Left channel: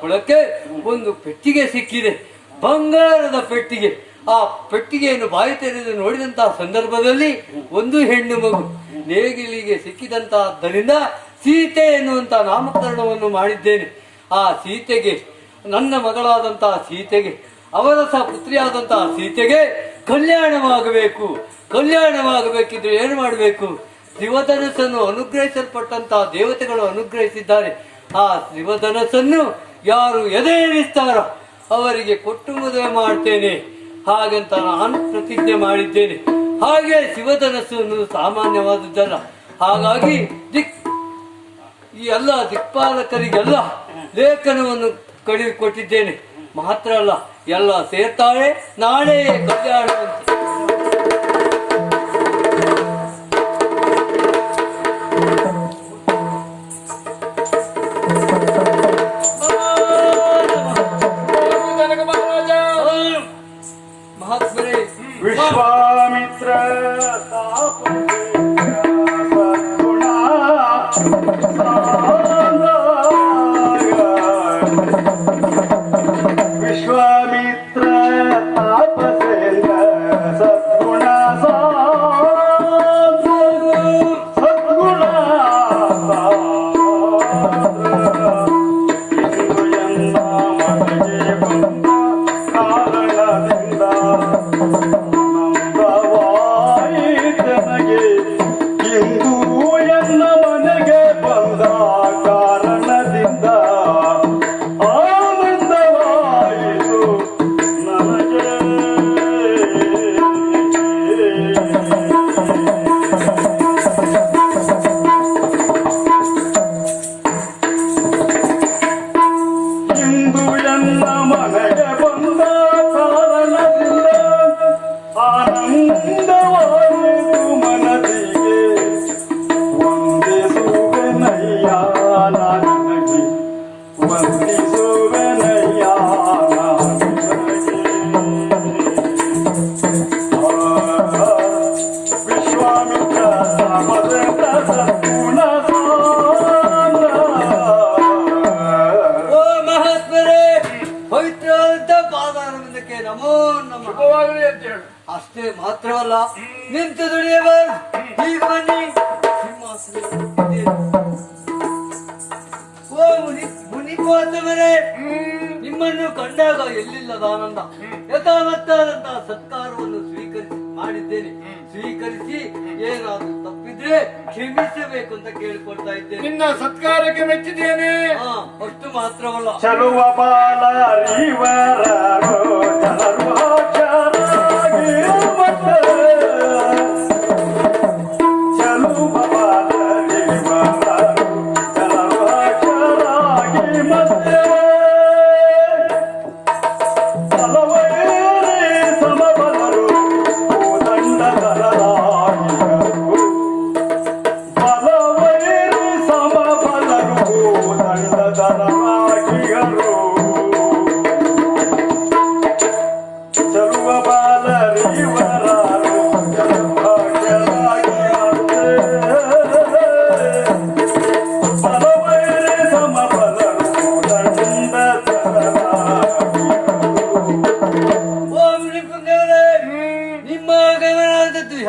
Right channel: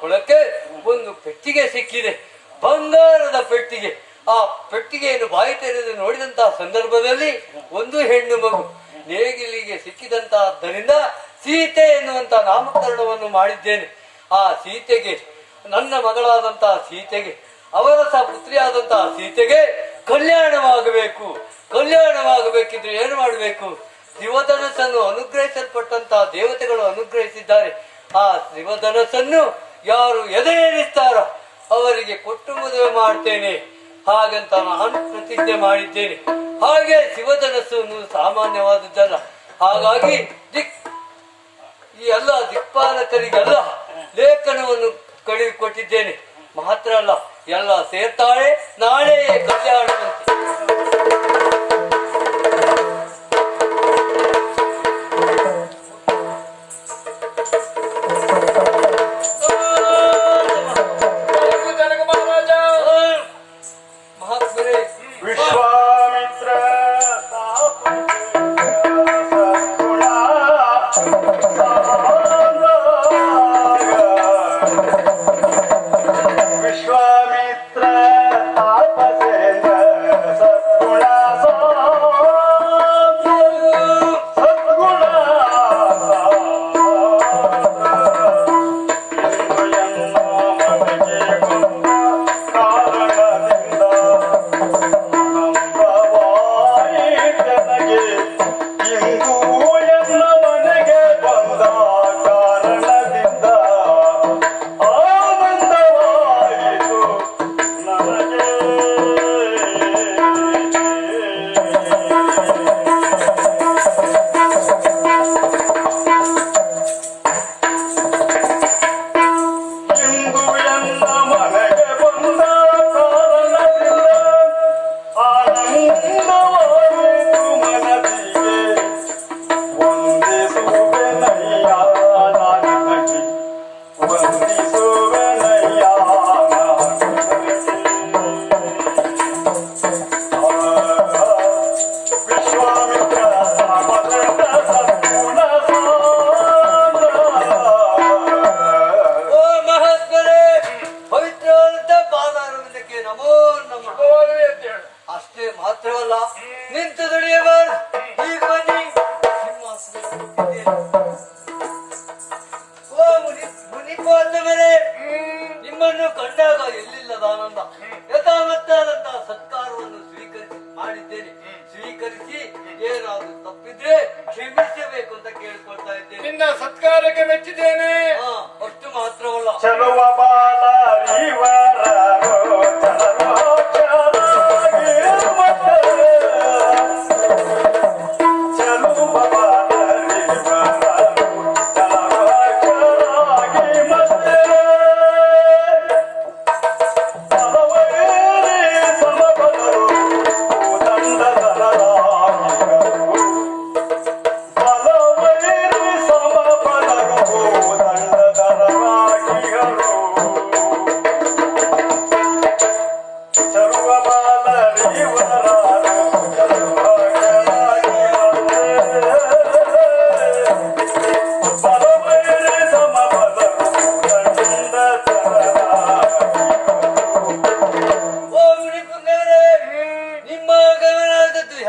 ಕೊಳಕ್ಕೆ ಒಂದು ಪೆಟ್ಟಿಗೆ ಸಿಕ್ಕಿದೆ, ಬಂಗಾರದ ಪೆಟ್ಟಿಗೆ. ಆ ಪೆಟ್ಟಿಗೆಯನ್ನು ಬಾಯಿ ತೆರೆದು ನೋಡಿದಂತಹ ಸಂದರ್ಭದಲ್ಲಿ ಒಂದು ಹೆಣ್ಣು ಮಗು ನೇಗಿಲಿಗೆ ಸಿಕ್ಕಿದಂತಹದ್ದರಿಂದ ಸೀತೆ ಎನ್ನುವಂತಹ ನಾಮಕರಣವನ್ನು ಮಾಡಿದ್ದೇನೆ. ಆ ಸೀತೆಗೆ, ನನ್ನ ಮಗಳಾದಂತಹ ಸೀತೆಗೆ, ಅವರ ಸಹ ಪುತ್ರಿಯಾದಂತಹ ಸೀತೆಗೆ ಕಲ್ಯಾಣವಾಗಬೇಕು. ಕಲ್ಯಾಣವಾಗಬೇಕಿದ್ರೆ ಏನು ಮಾಡಬೇಕು? ಶಿವಧನಸ್ಸನ್ನು ಅನುಗ್ರಹಿಸಲ್ಪಟ್ಟಂತಹ ದೇವತೆಗಳು ಅನುಗ್ರಹಿಸಿದ್ದಾರೆ. ಆ ಶಿವಧನಸ್ಸನ್ನು ಯಾರು ಎದೆಯೇರಿಸ್ತಾರೋ ಅವರಿಗೆ ಕೊಟ್ಟು ಮದುವೆ ಮಾಡ್ತೇನೆ ಹಾಗಂತ ನಾನು ಪ್ರತಿಜ್ಞೆ ಮಾಡಿದ್ದೇನೆ. ಹಾಗೆ ಶಿವಧನಸ್ಸನ್ನು ಸಾಮಾನ್ಯವಾದದ್ದಲ್ಲ. ಹಾಗಾಗಿ ಈ ಎಲ್ಲ ದಿಕ್ಪಾಲಕರಿಗೆಲ್ಲ ಲೇಖನವನ್ನು ಕೊಟ್ಟಿದ್ದೇನೆ. ಮಾತ್ರ ಅಲ್ಲ, ಎಲ್ಲ ಸೇರ್ತಾಳೆ, ನಾಳೆ ಕಲ್ಯಾಣವಂತೆ. ವಿಶ್ವಾಮಿತ್ರ ತಾಪಸೇಂದ್ರ ಸದ್ಗುಣ ಅಷ್ಟೇ ಮಾತ್ರವಲ್ಲ, ನಿಂತು ದುಡಿಯಬಾರದು. ಈಗ ಬನ್ನಿ, ಮುನಿಪಾದವರೇ, ನಿಮ್ಮನ್ನು ಕಂಡಾಗ ಎಲ್ಲಿಲ್ಲದ ಆನಂದ, ಯಥಾವತ್ತಾದಂತಹ ಸತ್ಕಾರವನ್ನು ಮಾಡಿದ್ದೇನೆ. ಸ್ವೀಕರಿಸಿ ಏನಾದ್ರು ತಪ್ಪಿದ್ರೆ ಕ್ಷಮಿಸಬೇಕು ಅಂತ ಕೇಳಿಕೊಳ್ತಾ ಇದ್ದೇನೆ. ನಿನ್ನ ಸತ್ಕಾರಕ್ಕೆ ಮೆಚ್ಚಿದ್ದೇನೆ. ಅಷ್ಟು ಮಾತ್ರವಲ್ಲ, ಚಲುವ ಬಾಲ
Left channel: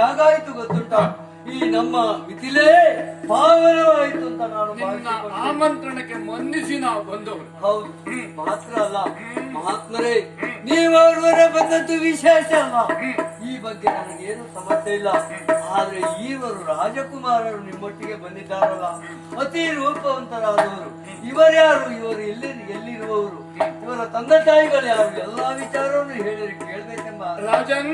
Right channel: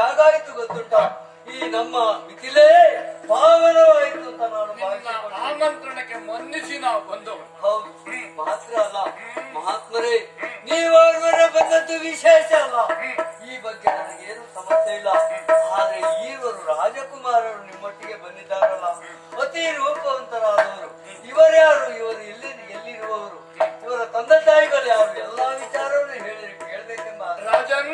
ಹೇಗಾಯ್ತು ಗೊತ್ತುಂಟ? ಈ ನಮ್ಮ ಮಿಥಿಲೆ ಪಾವನವಾಯಿತು ಅಂತ ನಾನು ಆಮಂತ್ರಣಕ್ಕೆ ಮನ್ನಿಸಿ ನಾವು ಬಂದವರು. ಹೌದು, ಮಾತ್ರ ಅಲ್ಲ ಮಹಾತ್ಮರೇ, ನೀವರ ಬಂದದ್ದು ವಿಶೇಷ ಅಲ್ಲ. ಈ ಬಗ್ಗೆ ನನಗೇನು ಸಮಸ್ಯೆ ಇಲ್ಲ. ಆದ್ರೆ ಈವರು ರಾಜಕುಮಾರರು ನಿಮ್ಮೊಟ್ಟಿಗೆ ಬಂದಿದ್ದಾರಲ್ಲ, ಅತಿ ರೂಪವಂತರಾದವರು. ಇವರ್ಯಾರು? ಇವರು ಎಲ್ಲಿರುವವರು? ಇವರ ತಂದೆ ತಾಯಿಗಳು ಯಾರು? ಎಲ್ಲಾ ವಿಚಾರವನ್ನು ಕೇಳಬೇಕೆಂಬ ರಾಜನ್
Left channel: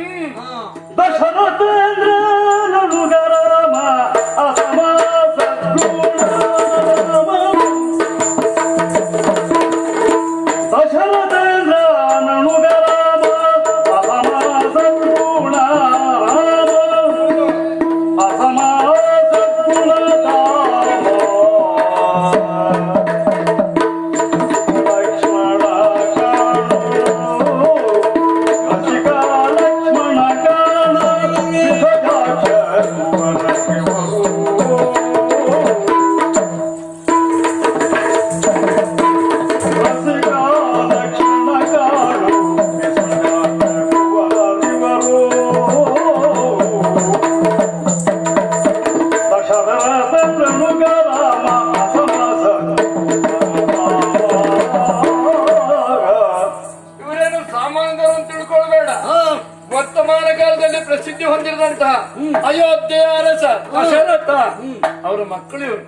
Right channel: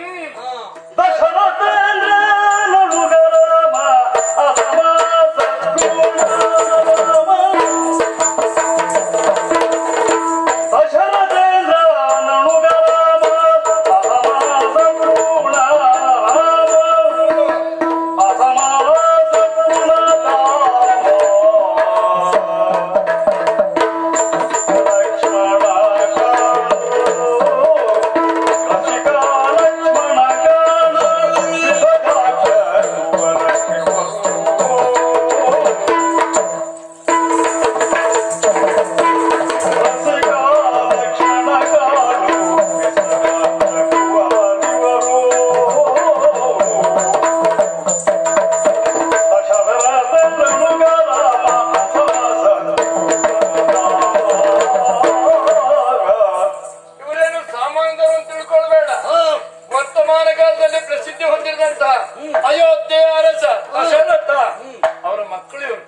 ಅಯೋಧ್ಯೆಯ ಅರಸ ದಶರಥ ಅವರ ಮಕ್ಕಳು ಇವರು.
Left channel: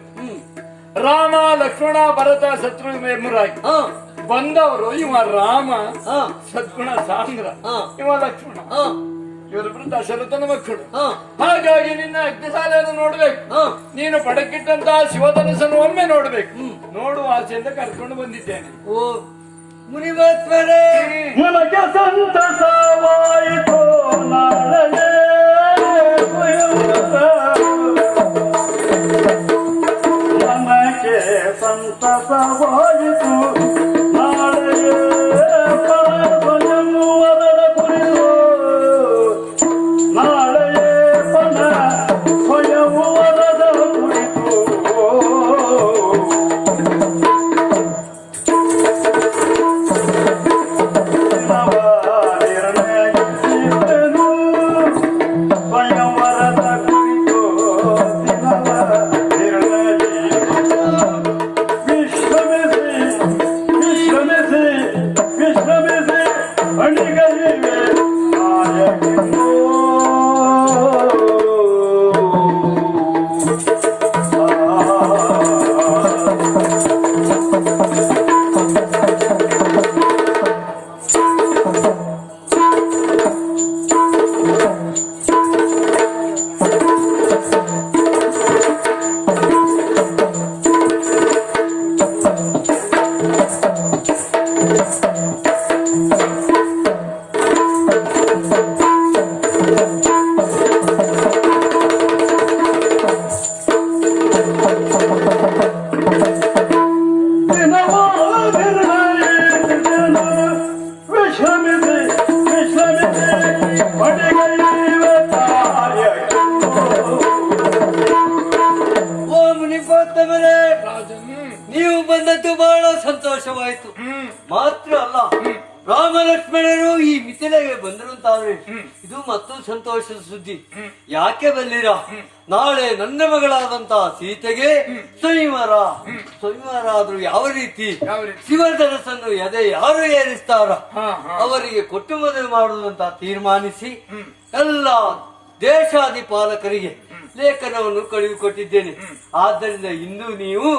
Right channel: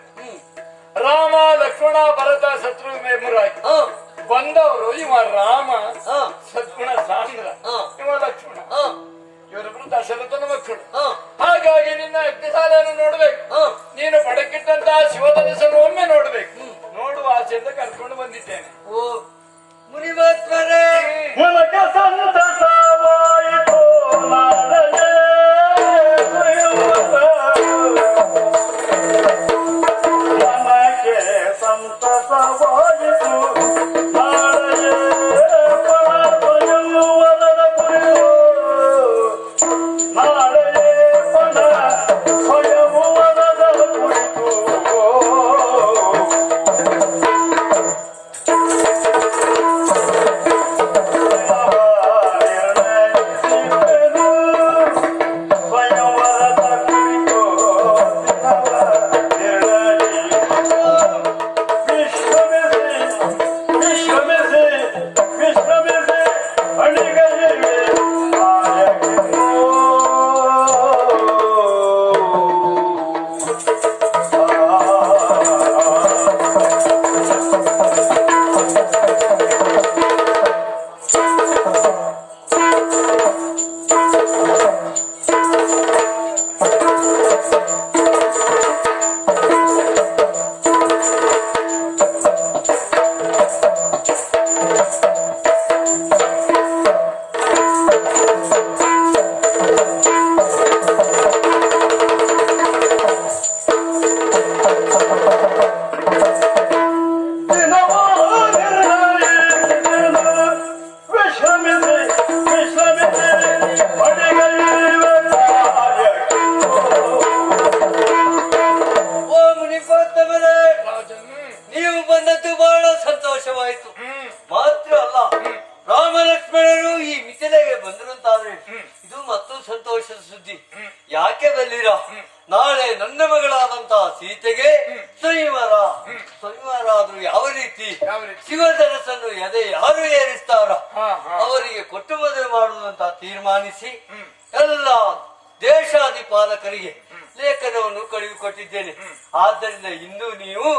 ರಾಮ ಲಕ್ಷ್ಮಣ ಭರತ ಶತ್ರುಘ್ನ ಎಂಬುದಾಗಿ ಬಂದವರು. ಇವ ರಾಮ, ಸದ್ಗುಣ ಸಾಂದ್ರ, ಇವ ಲಕ್ಷ್ಮಣ. ಇವರಿಬ್ರು ದಶರಥನ ಮಕ್ಕಳು. ಹಾಗಾಗಿ ನಿನ್ನ ಅಗ್ನಿಸಾಲೆಯನ್ನು ನೋಡ್ಬೇಕು. ನೀನು ಪಡಕ್ಕಿಟ್ಟಂತಹ ಶಿವಧನಸ್ಸನ್ನು ಒಮ್ಮೆ ನೋಡ್ಬೇಕು. ನೋಡುವ ಆಸೆಯಿಂದ ಕರ್ಕೊಂಡು ಬಂದಿದ್ದೇನೆ. ಓ ಮುನಿಮಾತ್ಮರೇ, ನನಗೆ ಸಂತಸವಾಯಿತು ನಾಳೆಯೇ ನನಗೆ ಸಂತಸವಾಯಿತು ನಾಳೆಯೇ ಸ್ವಯಂವರದ ಕುರಿತು ನಾಳೆಯೇ ಪಣ ಸ್ವಯಂವರದ ಕುರಿತು ನೀವು ಬಂದದ್ದು ಬಹಳ ಸಂತೋಷವಾಯಿತು. ಮಾತ್ರ ಅಲ್ಲ, ರಾಮ ಲಕ್ಷ್ಮಣರು ಈ ಮಿಥಿಲೆಗೆ ಬಂದರು ಅಂತಾದ್ರೆ ಇದು ಮತ್ತೊಂದು ಸಂತೋಷದ ಸುದ್ದಿ. ಯಾಕೆ ಬಂದಿರ? ನಾಳೆ ನನ್ನ ಮಗಳಾದಂತಹ ಸೀತೆಗೆ ಸಂಯಮರ ಆದ್ರೂ ಯಾವ ರೀತಿ ಶಿವಧನಸ್ಸನ್ನು ಎದೆ ಯಾರು ಏರಿಸ್ತಾರ ಅವರಿಗೆ ಕೊಟ್ಟು ಮದುವೆ ಮಾಡುವುದಂತ ತೀರ್ಮಾನಿಸಿ ಎಲ್ಲ ದೇಶಾಧಿಪಾಲಕರಿಗೆ ಲೇಖನವನ್ನು ಕಳುಹಿಕೊಟ್ಟಿದ್ದೇನೆ. ಆದ್ದರಿಂದ ಇಂದು ನೀವು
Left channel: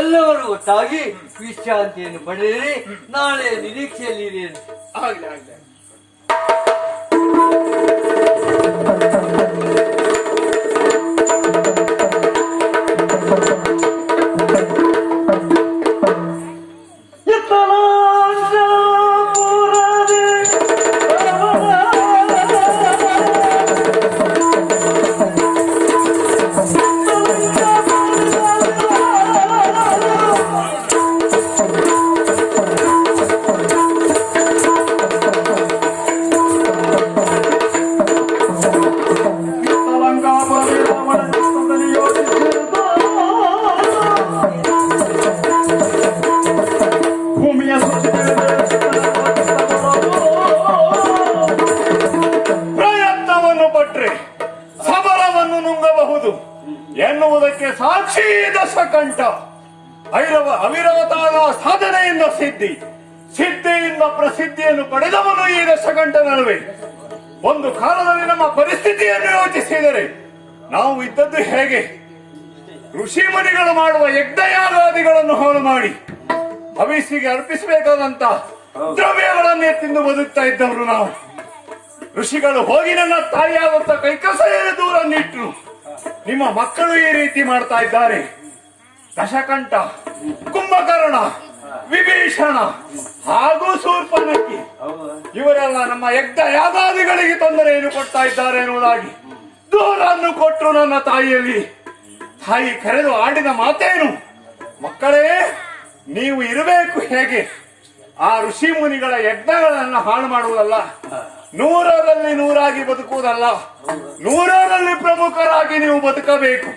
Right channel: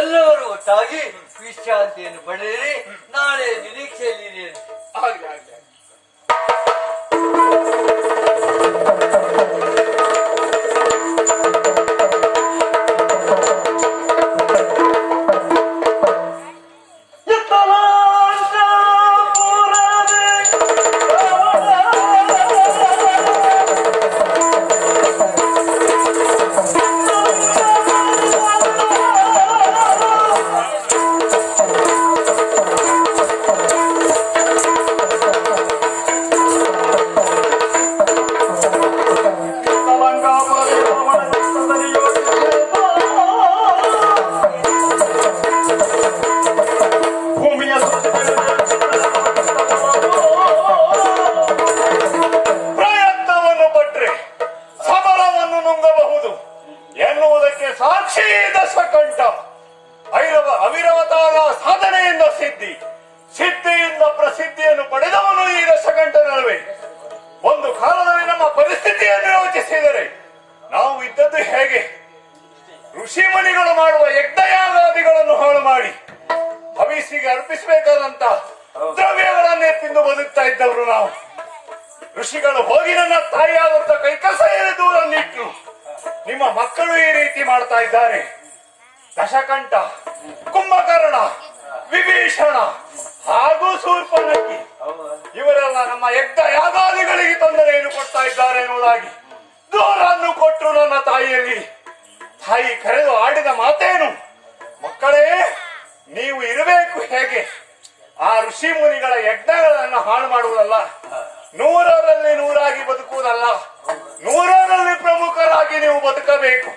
ಎಲ್ಲರೂ ಒಟ್ಟಾಗಿ ವಿಶ್ರಾಂತಿಯನ್ನು ಪಡೆಯಿರಿ. ನಾಳೆ ನಿರೀಕ್ಷೆಯಲ್ಲಿ ಆಗ್ಲಿ ಆಗ್ಲಿ. ಪ್ರಯತ್ನವನ್ನು ಪಟ್ರೆ ಸಬಲವನ್ನು ನುಂಗಬಹುದು ಎನ್ನುವುದಕ್ಕೆ ಸಾಕ್ಷಿ ದಶಕಂಠ. ಅವಿರಮತಾದ ಸಾಧನೆಯಿಂದ ಸಿದ್ಧಿಯಿಂದ ಪ್ರಸಿದ್ಧಿಯನ್ನು ಪಡೆದವನು ಈ ದಶಕಂಠನಲ್ವೇ. ಒಂದು ಕಾಲದಲ್ಲಿ ನಮ್ಮ ಪರಿಸ್ಥಿತಿಯನ್ನು ಯೋಚಿಸಿದರೆ ನಾವು ಇದ್ದದ್ದು ಹೇಗೆ? ಋಷಿ ಮುನಿಗಳು ಮಾಡುವ ಯಜ್ಞಯಾಗಾದಿಗಳನ್ನು ಹಾಳು ಮಾಡಿ ಹವಿಸಿಗೆ ಅರ್ಪಿಸಬೇಕಾದಂತ ದ್ರವ್ಯಗಳನ್ನೇ ತಿಂದು ಬದುಕ್ತಾ ಇದ್ದವರು ನಾವು. ಋಷಿಗಳು ಹೋಗಿ ನನ್ನ ತಾಯಿಯಾಗುತ್ತ ಕೈಕಸೆಯ ದೂರ ನಿಟ್ಟರು. ನಿಮ್ಮ ಮಕ್ಕಳು ಈ ರೀತಿ ಮಾಡ್ತಾ ಇದ್ದಾರೆ. ದಶಕಂಠ, ಕುಂಭಕರ್ಣ, ವಿಭೀಷಣ ಹಾಗೂ ಶೂರ್ಪನಖಿ ಇವರೆಲ್ಲ ನಮ್ಮ ಯಜ್ಞ ಯಾಗಾದಿಗಳಿಗೆ ತೊಂದರೆಯನ್ನು ಕೊಡ್ತಾ ಇದ್ದಾರೆ ಎನ್ನುವುದಾಗಿ ದೂರನ್ನು ಕೊಟ್ಟರು. ನನ್ನ ತಾಯಿ ಕರೆದು ಆಡಿದ ಮಾತೇನು? ಮಕ್ಕಳೇ, ನೀವು ಇರಬೇಕು ಹೇಗೆ? ಆ ಋಷಿ ಮುನಿಗಳ ಯಜ್ಞಗಳನ್ನು ಹಾಳು ಮಾಡುವುದಲ್ಲ, 100ರಲ್ಲಿ 100 ಬದುಕುವುದಲ್ಲ, 100ರಲ್ಲಿ ಪ್ರಮುಖರಾಗಿ ನೀವು ಬದುಕಬೇಕು.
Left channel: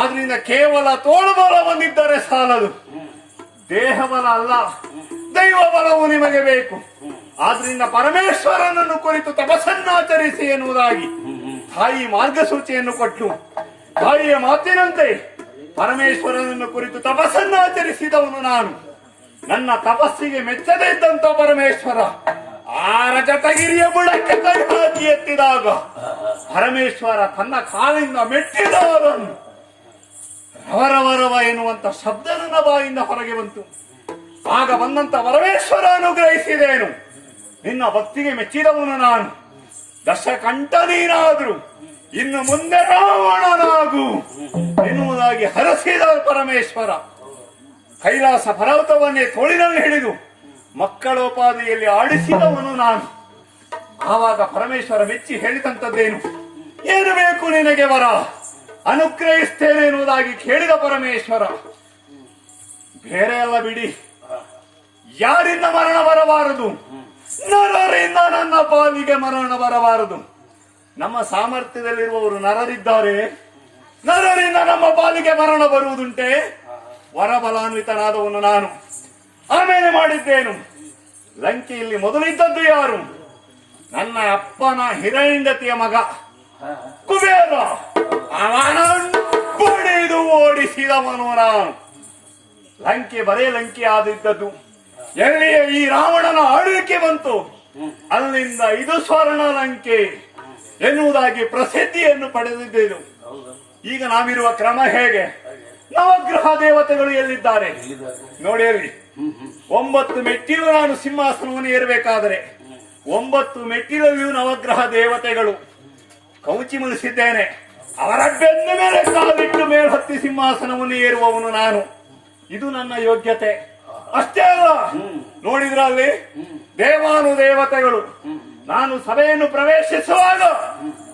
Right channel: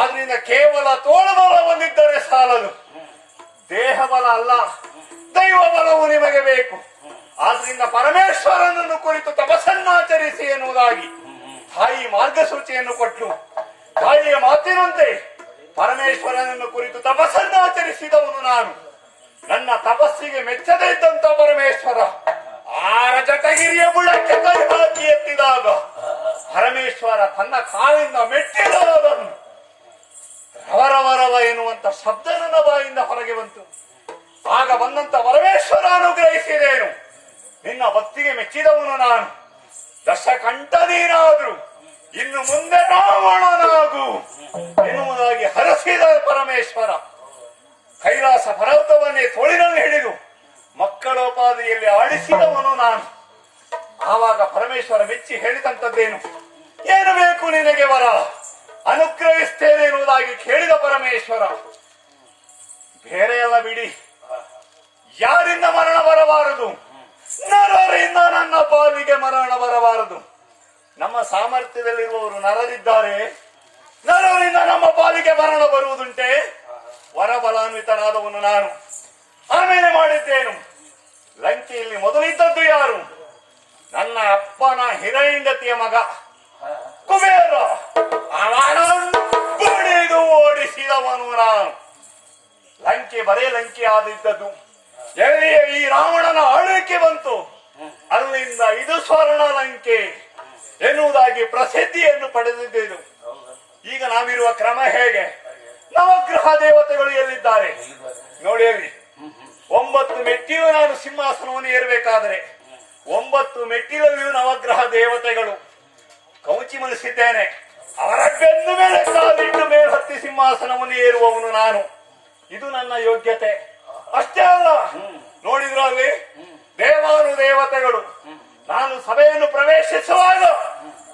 ಆದ್ರಿಂದ ಕೇವಲ ತೋಳುಬಲ ಬಂದಿದ್ದರೆ ಸಾಲದು, ದೇಹಬಲ ಅಲ್ಲ, ದೈವ ಬಲವು ನಿಮಗೆ ಬೇಕು. ಆದ್ರಿಂದ ಪರಮೇಶ್ವರನನ್ನು ಕುರಿತು ತಪಸ್ಸನ್ನಾಚರಿಸಿ ಎನ್ನುವುದಾಗಿ ತಾಯಿ ಮಾರ್ಗಸೂಚಿಯನ್ನು ಕೊಟ್ಟು ತಾಯಿಯ ಮಾತಿನಂತೆ ಪರಮೇಶ್ವರನನ್ನು ಕುರಿತು ತಪಸ್ಸನ್ನಾಚರಿಸಿದವನು ನಾನು. ನನ್ನ ತಪಸ್ಸಿಗೆ ಮೆಚ್ಚದೇ ಇದ್ದಂತ ಪರಮೇಶ್ವರ ಆ ರಜತಗಿರಿಯ ಬುಡಕ್ಕೆ ಕೈ ಹಾಕಿ ಎತ್ತಿದಾಗ ಪರಮೇಶ್ವರ ತನ್ನ ಕಾಲಿಂದ ಮೆಟ್ಟಿದವರನ್ನು ರವರವರವ ಎನ್ನುವಂತ ಶಬ್ದ ನನ್ನ ಬಾಯಿಂದ ಹೊರಗೆ ಬಂತು. ಆಗ ಬಂದಂತ ಪರಮೇಶ್ವರ ಅನುಗ್ರಹಿಸಿದೇನು, ನಿನ್ನ ಭಕ್ತಿಗೆ ಮೆಚ್ಚಿದವನು ನಾನು, ದಶಕಂಠ ನೀನಾದ್ರು ಇನ್ನು ಮುಂದೆ ರಾವಣನಾಗು ಎನ್ನುವುದಾಗಿ ಹರಸಿದ ಪರಮೇಶ್ವರ ಕೈಲಾಸ ಪರ್ವತವನ್ನೇ ತೋಳಿನಲ್ಲಿ ಹಿಡಿದು ಮಕ್ಕಳೋಪಾದಿಯಲ್ಲಿ ಆಡಿಸಿದವನು ನಾನು. ಆವಾಗ ಪರಮೇಶ್ವರ ಮೆಚ್ಚಿ ಹೇಳಿದಂತದ್ದೇನು, ಏನು ಬೇಕು ನಿನಗೆ ವರ, ಅನುಗ್ರಹಿಸ್ತೇನೆ ಎನ್ನುವುದಾಗಿ ಕೇಳಿದ ಪರಮೇಶ್ವರ, ಬೇರೆ ಎಲ್ಲ ಬಿಡಿ, ಯಾರಿಂದ ಮರಣ ಬರಬಾರದು, ನರರಿಂದ ನನ್ನ ಪಾಲಿಗೆ ಮರಣ ಬರಬಾರದು. ನಮ್ಮ ಸಾಮರ್ಥ್ಯದಲ್ಲಿರುವವರು ನರರಿದ್ದಾರೆ, ನರರಿಂದ ನಮ್ಮ ಪಾಲಿಗೆ ಮರಣ ಬರುವುದುಂಟೆ. ವರಬಲಾನ್ವಿತನಾದವನು ನಾನು. ಆಮೇಲೆ ಮಾಡಿದ್ದೇನು, ಲಂಕೆಯಲ್ಲಿ ಮೊದಲಿದ್ದದ್ದು ಯಾರು, ನನ್ನ ಅಪ್ಪನ ಹಿರಣ್ಯತಿಯ ಮಗ ಕುಬೇರ, ಅವನನ್ನು ಬಡಿದು ಓಡಿಸಿದವನು ನಾನು. ಲಂಕೆ ಬರೇ ಲಂಕೆ ಆದಿದ್ದದ್ದು, ಎಲ್ಲಿಯೇ ಈ ರಾವಣನ ಆಳ್ವಿಕೆ ಬಂತು ಅಲ್ಲಿಂದ ಇದು ಸ್ವರ್ಣ ಲಂಕೆ ಎನ್ನುವುದಾಗಿ ಪ್ರಸಿದ್ಧಿಯನ್ನು ಪಡೆದಿದ್ದೇನು. ಈಗ ನಾವಿರುವ ಕ್ರಮ ಹೇಗೆ, ನವಗ್ರಹ ದೇವತೆಗಳು ಎಲ್ಲಿದ್ದಾರೆ ನೋಡಿ. ಅಲ್ಲಿ 9 ಮೆಟ್ಟಿಲು ನಾನು ಸಿಂಹಾಸನವನ್ನು ಏರಬೇಕಾದರೆ 9 ಮೆಟ್ಟಿಲಲ್ಲಿಯೂ ನವಗ್ರಹ ದೇವತೆಗಳು. ಕೌಚಿ ಮಲಿಸಿದ್ದೇನೆ, ಅವರ ಬೆನ್ನು ಮೇಲೆ ಕಾಲಿಟ್ಟು ಮೇಲ್ಹತ್ತಿ ಸಿಂಹಾಸನವನ್ನು ಏರುವವನು ನಾನು. ಇದು ನನ್ನ ಯೋಗ್ಯತೆ. ಅಷ್ಟೇ ಅಲ್ಲ, ನೋಡಿದ್ರಲ್ಲಿ ದೇವಾನುದೇವತೆಗಳು ನಾನು ಸಭೆಯನ್ನು ಪ್ರವೇಶಿಸುವಾಗ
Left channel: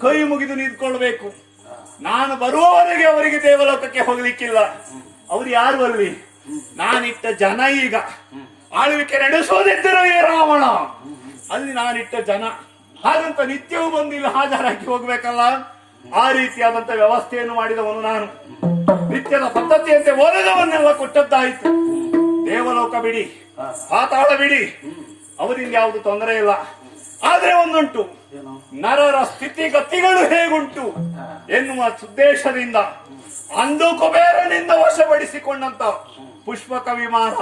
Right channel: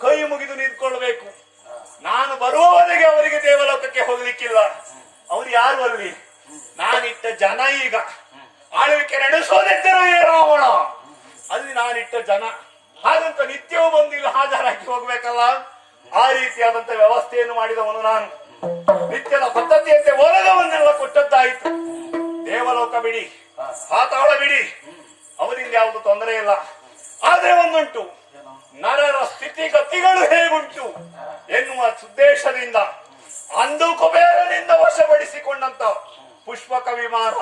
ಕೈ ಮುಗಿದು ನಿಂತ್ಕೊಳ್ಬೇಕು. ನಾನು ಬರುವವರೆಗೆ ಅವರಿಗೆ ದೇವಲೋಕಕ್ಕೆ ಹೋಗ್ಲಿಕ್ಕಿಲ್ಲ. ಅವ್ರು ಯಾರು ಅಲ್ಲಿ, ನಾನಿಟ್ಟ ಜನ. ಈಗ ಆಳ್ವಿಕೆ ನಡೆಸೋದಿದ್ದರವೇ ರಾವಣ, ಅಲ್ಲಿ ನಾನಿಟ್ಟ ಜನ. ಹಾಗಂತ ನಿತ್ಯವೂ ಬಂದಿಲ್ಲ ಹಾಜರಾಗಿ ಹೋಗ್ಬೇಕಲ್ಲ, ಆ ರೀತಿಯಾದಂತ ವ್ಯವಸ್ಥೆಯನ್ನು ಮಾಡಿದವನು ನಾನು. ನಿತ್ಯದ ಪದ್ಧತಿಯಂತೆ ಒಲಗವನ್ನೆಲ್ಲ ಕೊಟ್ಟದ್ದಾಯಿತು. ದೇವಲೋಕ ಬಿಡಿ, ಪಾತಾಳ ಬಿಡಿ, ಅವರಿಂದ ಯಾವುದು ತೊಂದರೆ ಇಲ್ಲ. ಆದ್ರೆ ಒಂದುಂಟು, ನರರ ಸ್ಥಿತಿಗತಿಗಳು ಹೇಗುಂಟು ಎನ್ನುವ ಉದ್ದೇಶದಿಂದ ಅಂದು ಕುಬೇರನಿಂದ ವಶಪಡಿಸಿಕೊಂಡಂತ ಪುಷ್ಪಕ ವಿಮಾನ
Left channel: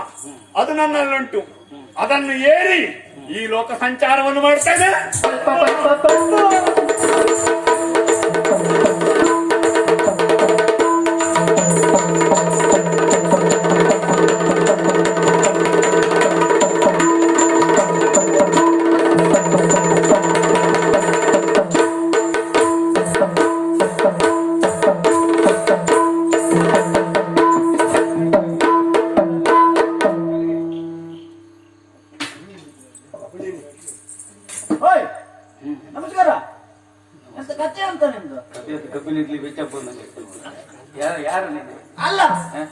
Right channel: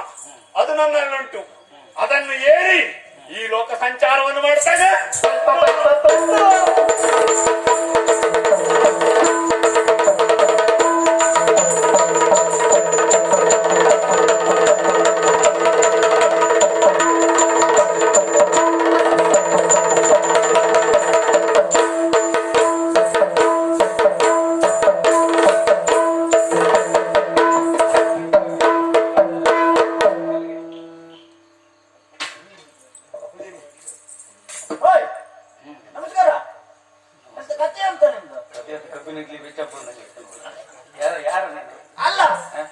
ಅದು ನನ್ನಲ್ಲುಂಟು. ಅದನ್ನು ಏರಿ ಈ ಲೋಕ ಸಂಚಾರವನ್ನು ಮಾಡ್ತೇನೆ. ನಮಸ್ಕಾರ. ಎಂತ ಕಥೆ ಅಂತ ನಿಮ್ದು? ಅಲ್ಲ,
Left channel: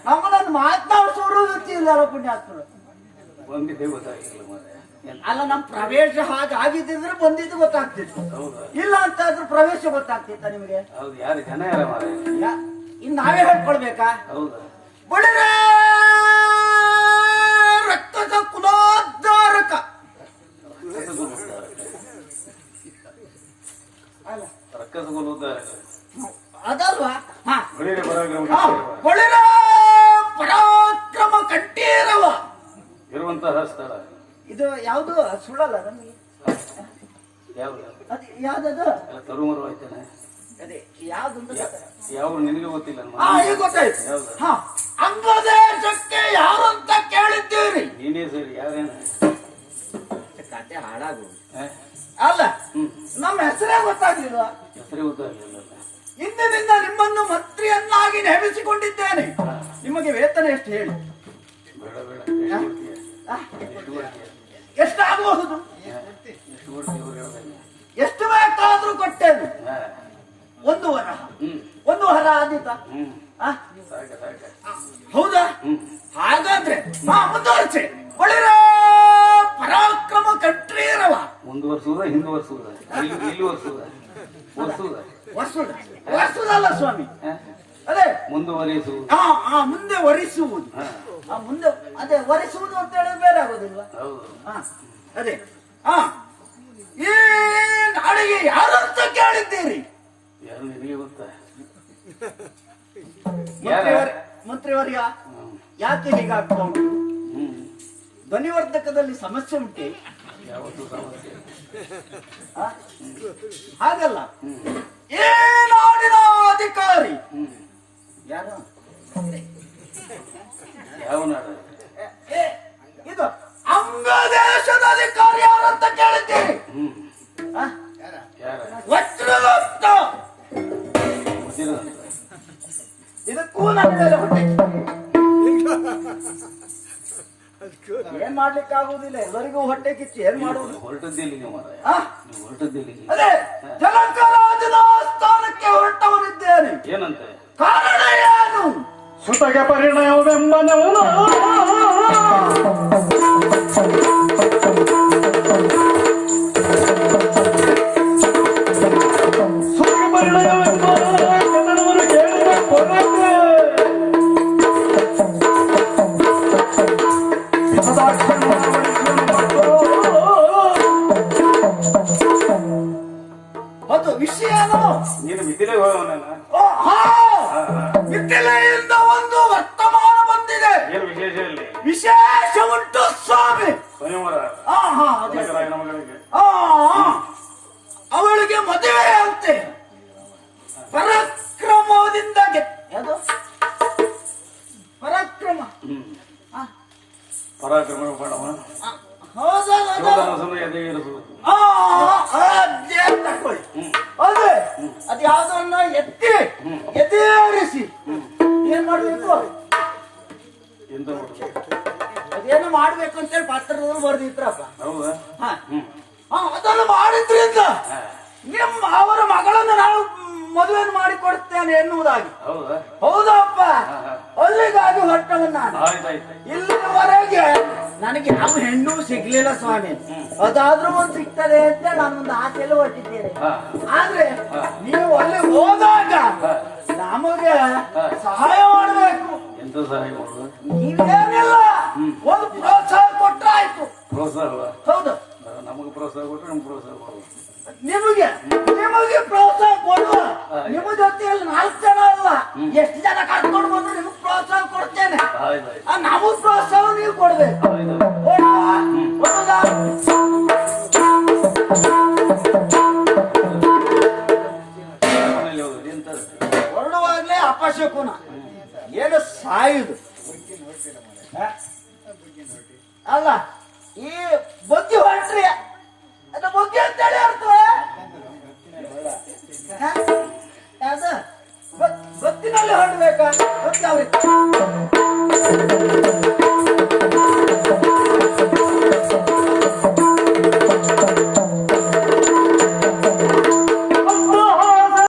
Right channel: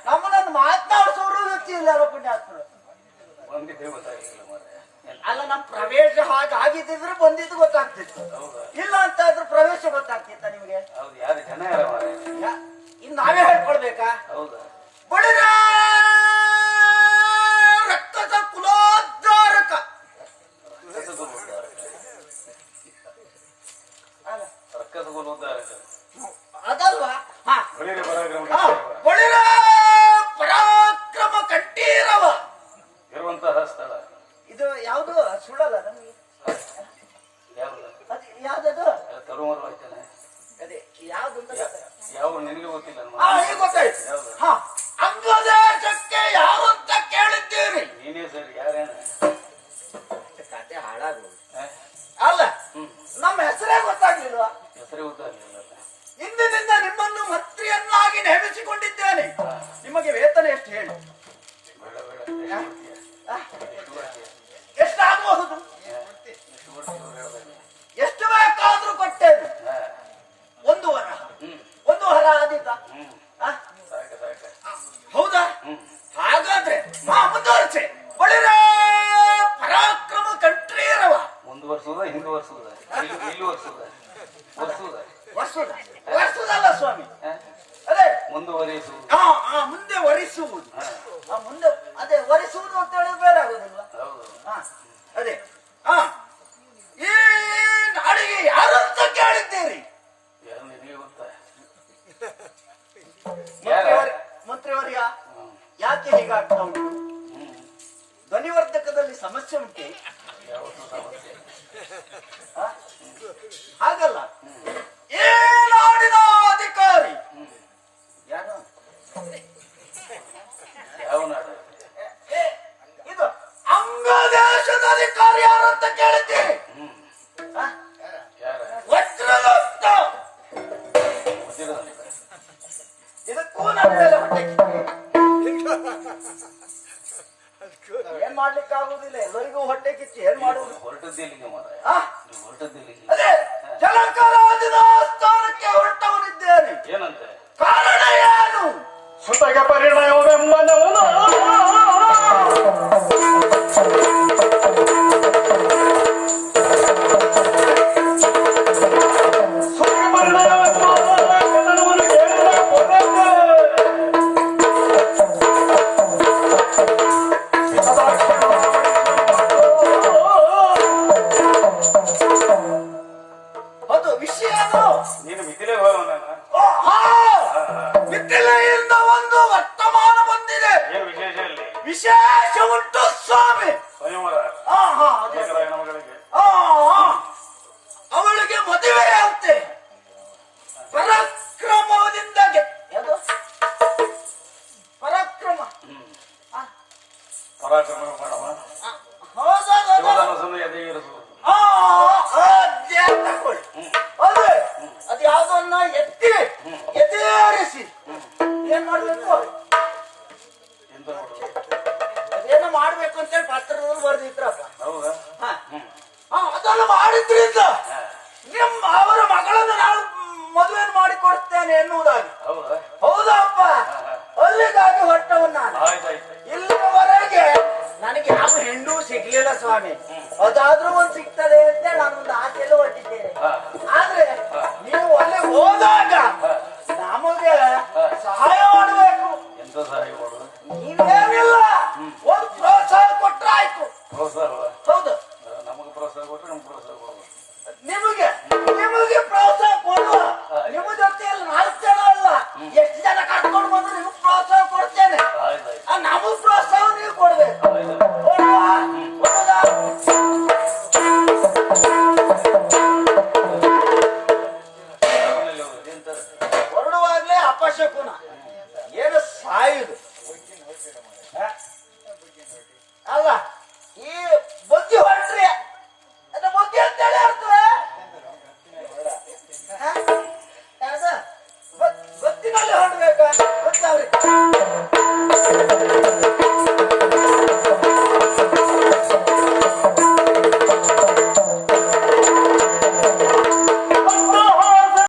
ನಮ್ಮನ್ನು ಮಾತನಾಡಿಸೋರು ವ್ಯಕ್ತಿ ಇಲ್ಲ ಪುಣ್ಯಾತ್ಮರು. ಅಲ್ಲ, ನಮ್ ಪ್ರವೇಶ ಹಾಗಾಗಿದ್ದಿದ್ರೆ ಬಂದಿದ್ದು ಗೊತ್ತಾಗ್ತಿತ್ತು, ಇಲ್ಲ ಅಂತ ಆದ್ರೂ ಪ್ರವೇಶ ಗೊತ್ತಾಗ್ತಿತ್ತ ನಿಮ್ಗೆ? ಇನ್ ನಾವೇ ಹೇಳ್ಕೊಳ್ಬೇಕಾ? ಬಳಿರ ರಕ್ತದ ಕುಲೋದ್ಧಾರಕ ಅದಲ್ವಾ? ಬಳಿರ ಪರಾಕ್ರಮ ಕಂಠೀರವ ಇರುವಂತಹ ಸ್ಥಳ ಇದು. ಯಾವುದು ಸುಳ್ಳಲ್ಲ ನಮಗೆ. ಅದು ಯಾವ್ದದು? ತರುಮರು ಆಯ್ತಾನೆ. ಅದೇ ಯಾವ್ದು ಯಾವ ನಿನಗೆ ಗೊತ್ತಿಲ್ಲ. ಈಗ ಗೊತ್ತಾಯ್ತು. ಅಂಗದೇಶಕ್ಕೆ ಯಾರು ಅಂತ ಕೇಳಿದ್ದೀರಿ? ನೀನೇ ಸರಿ, ಯಾರೇನ ಕತೆ ಹಾಳಾಗು. ಅಲ್ಲ, ನಮ್ಮ ಹೆಸರೇ ಗೊತ್ತಾಗ್ಲಿಲ್ವಾ? ಹೆಸರೇ ಗೊತ್ತಾಗಲಿಲ್ಲ. ಇಂದಿನಿಂದ ನಿಮ್ಮನ್ನು ಮಂತ್ರಿಯನ್ನಾಗಿ ನೇಮಿಸಿಕೊಂಡಿದ್ದೇನೆ. ನಿಮಗೆ ವೇತನ ಎಷ್ಟು ಹೇಳಿ? ಎಷ್ಟಾಗಬಹುದು? ಎಷ್ಟು ಬೇಕಾದ್ರೂ ಕೊಟ್ಟೇನು. 1 ವರ, 1 ವರ ಆದೀತ. ಹೌದಾ? ಹಾಗಾದ್ರೆ ಮುಂದುವರಿಸಿ. ಒಳ್ಳೆಯ ಪರಾಕ್ರಮ ಕಂಠೀರವ. ಮುಂದುವರ್ಸುವುದ ಹಿಂದುವರ್ಸುವುದ ಇಲ್ಲಿ ವರ್ಷದಲ್ಲ ಸ್ವಾಮಿ, ಅದೇ ಮುಂದುವರಿಸುವುದು. ಮುಂದೆ ವರಿಸುವುದು. ಮುಂದೆ ಅದೇ ವರಿಸುವುದು ಅಂತ ಹೇಳಿ ಬೇರೆ ಆಗೋದಿಲ್ಲ. ಅದೇ ಈ ನಾಡಿಗೆ ಯಾರಂತ ಕೇಳಿದ್ದೀರಿ? ಯಾರು ನಿನಗೆ ಗೊತ್ತಾ? ಮಂತ್ರಿವರ್ಯ, ಯಾಕೆ ಹೀಗಾಗ್ತಾ ಉಂಟು? ಧ್ವನಿವರ್ಧಕದಲ್ಲಿ ಸಮಸ್ಯೆ ಉಂಟೆ? ಯಾವತ್ತೂ ಸಮಸ್ಯೆ ಹಾಗಲ್ಲ, ಈ ನಾಡಿನ ಅಧಿಕಾರಿ ಹ್ಮ್ ಯಾರು? ಯಾವ ನಾಡ? ಏ, ಇದು ಅಂಗ ದೇಶದ ಅಧಿಕಾರಿ ಯಾರು ಅಂತ ಕೇಳಿದ್ದೀರಿ. ಹ್ಮ್ ಆ? ಯಾರ? ವಜ್ರಗುಪ್ತ. ಗೊತ್ತಿರೋದು? ಇದಕ್ಕೂ ನನ್ನ ಮೇಲೆ ಹೊಟ್ಟೆ ಏನ್ ಮಾಡ್ಲಿಕ್ಕೆ ಆಗುದಿಲ್ಲ, ಎಲ್ಲರಿಗೂ ಹೊಟ್ಟೆ ಕಿಚ್ಚು ಏನ್ ಮಾಡುವುದು? ಹೊರಟದ್ದಿಲ್ಲಿಗೆ ಮಾರಾಯ. ಆ? ನೀವು ಹೊರಟದ್ದಿಲ್ಲಿಗೆ. ಅದೇ ಜನಕರಾಜನ ಸ್ಥಾನಕ್ಕೆ ಹೊರಟವನಿದ್ದೇನೆ. ಏನಂತೆ? ಕಾರಣ ಏನು? ಸುತಗೆ ಪರಿಣಯವೆಂಬನವನ ಸುತಗೆ ಪರಿಣಯವೆಂಬನವನು ಕೇಳಿದ ಕೊನೆಗೆ ಅದು ವಿಷಯನು ನೀನು ಮಿತಿಲೇ ಹೋಗೋಣ. ಮಿಥಿಲೆಯಿಂದ ಒಂದು ವರ್ತಮಾನ ಬಂದಿದೆ. ಏನು ವಿಶೇಷ ಇಲ್ಲಿ? ವಿಶೇಷ ಉಂಟು ಸ್ವಾಮಿ. ಸ್ವಯಂವರ ಅದೇ. ಜನಕರಾಯನ ಮಗಳಿಗೆ. ಅವಳಿಗೆ ಮದುವೆ ಅಂತೆ. ಪರಾಕ್ರಮದಿಂದ ಯಾವುದು ಪರಾಕ್ರಮ? ಹ್ಮ್ ಆ, ಪರಾಕ್ರಮ ಪಡವ ಆ, ಹೌದೌದು. ಯೋಧನ ಸುಮ್ಮನೆ ಎದೆ ಇರಿಸುವುದು. ಅದೇ ತಕೊಳ್ಳಿ. ಅದೇ ಅದು ಯಾವ್ದನ್ನ ಎತ್ತಿ ಎದೇರಿಸಿ ಏನ್ ಮಾಡ್ಬೇಕು? ಎಂತ ಮಾಡುದು? ಅದೇನು ಮಾಡ್ಬೇಕು ಅಂತೇಳಿ ಪತ್ರದಲ್ಲಿ ಬರ್ದಿತ್ರಪ್ಪ. ಹೌದಾ? ಅದನ್ನು ಮಾಡಿದ್ರಿಂದ ಅವರ ಮಗಳನ್ನು ನಾವು ಮದುವೆ ಮಾಡಿಕೊಡ್ತೇನೆ ಎನ್ನುವುದಾಗಿ. ಹೌದಾ? ಹೌದಪ್ಪ, ಅಲ್ಲಿಗಾಗಿ ಹೊರಟವನ್ ನಾನು. ಆಯ್ತಾಯ್ತು. ಇಲ್ಲಿವರೆಗೆ ನನಗೆ ಯಾವ ಹೆಣ್ಣು ಸಿಗ್ಲಿಲ್ಲ ಸ್ವಾಮಿ. ಅದಾದ್ರೂ ಒಂದು ಸಿಗ್ತದೆ ಅಂತ ನಾನೊಂದು ಆಸೆಯಲ್ಲಿ ಹೊರಟಿದ್ದೇನೆ. ಆದ್ರೆ ನೀವು ಅಲ್ಲಿ ಹೋದಾಗ ನಮಗೆ ಸಹಾಯ ಮಾಡಬೇಕು. ಎಂತ ಸಹಾಯ ಮಾಡುದು? ನೀವೇನಿಲ್ಲ, ಒಂದು ಪ್ರೋತ್ಸಾಹ ಕೊಟ್ರೆ ಆಯ್ತು. ಪ್ರೋತ್ಸಾಹ? ಹೌದು, ನಮಗೆ ಪ್ರೋತ್ಸಾಹ ಕೊಟ್ಟರೆ ನಮ್ಗೆ ಪ್ರೋತ್ಸಾಹ ಕೊಡುವ. ನಿಮಗೆ ನಿಮಗೆ ಪ್ರೋತ್ಸಾಹ ಕೊಡುವ. ನಿಮ್ಮ ಜೊತೆಯಲ್ಲಿ 4 ಜನ ಅಲ್ಲ, ಎಷ್ಟು ಜನ ಕರ್ಕೊಂಡು ಬಂದ್ರೆ ನಿಮಗೆ ಪ್ರೋತ್ಸಾಹ ಕೊಡ್ತೇನೆ. ಆಯ್ತಾಯ್ತು. ನಮಗ್ ಪ್ರೋತ್ಸಾಹ ನೀವು ಕೊಡ್ಬೇಕು. ಆಯ್ತು. ಕೊಡುವ? ಕೊಡುವುದಾ? ಮನೆಯಲ್ಲಿ ಹೋಗುದು ಎಂತ? ಹೊರಡುವಾಗ್ಲೇ ಅಪಶಕುನ, ಏನು ಸಾಯುದು ಅಲ್ಲ. ಈ ಬುದ್ಧಿ ಹೊರಟ್ರಿ, ಅದ ಬುದ್ಧಿ ಅಂತೇಳಿ ಅರ್ಥವೇ? ಯಾವ್ದು ಬತ್ತಿನಲ್ಲಿ ಹೊರಡ್ಬೇಕಾ? ಗೊತ್ತವ್ರಿ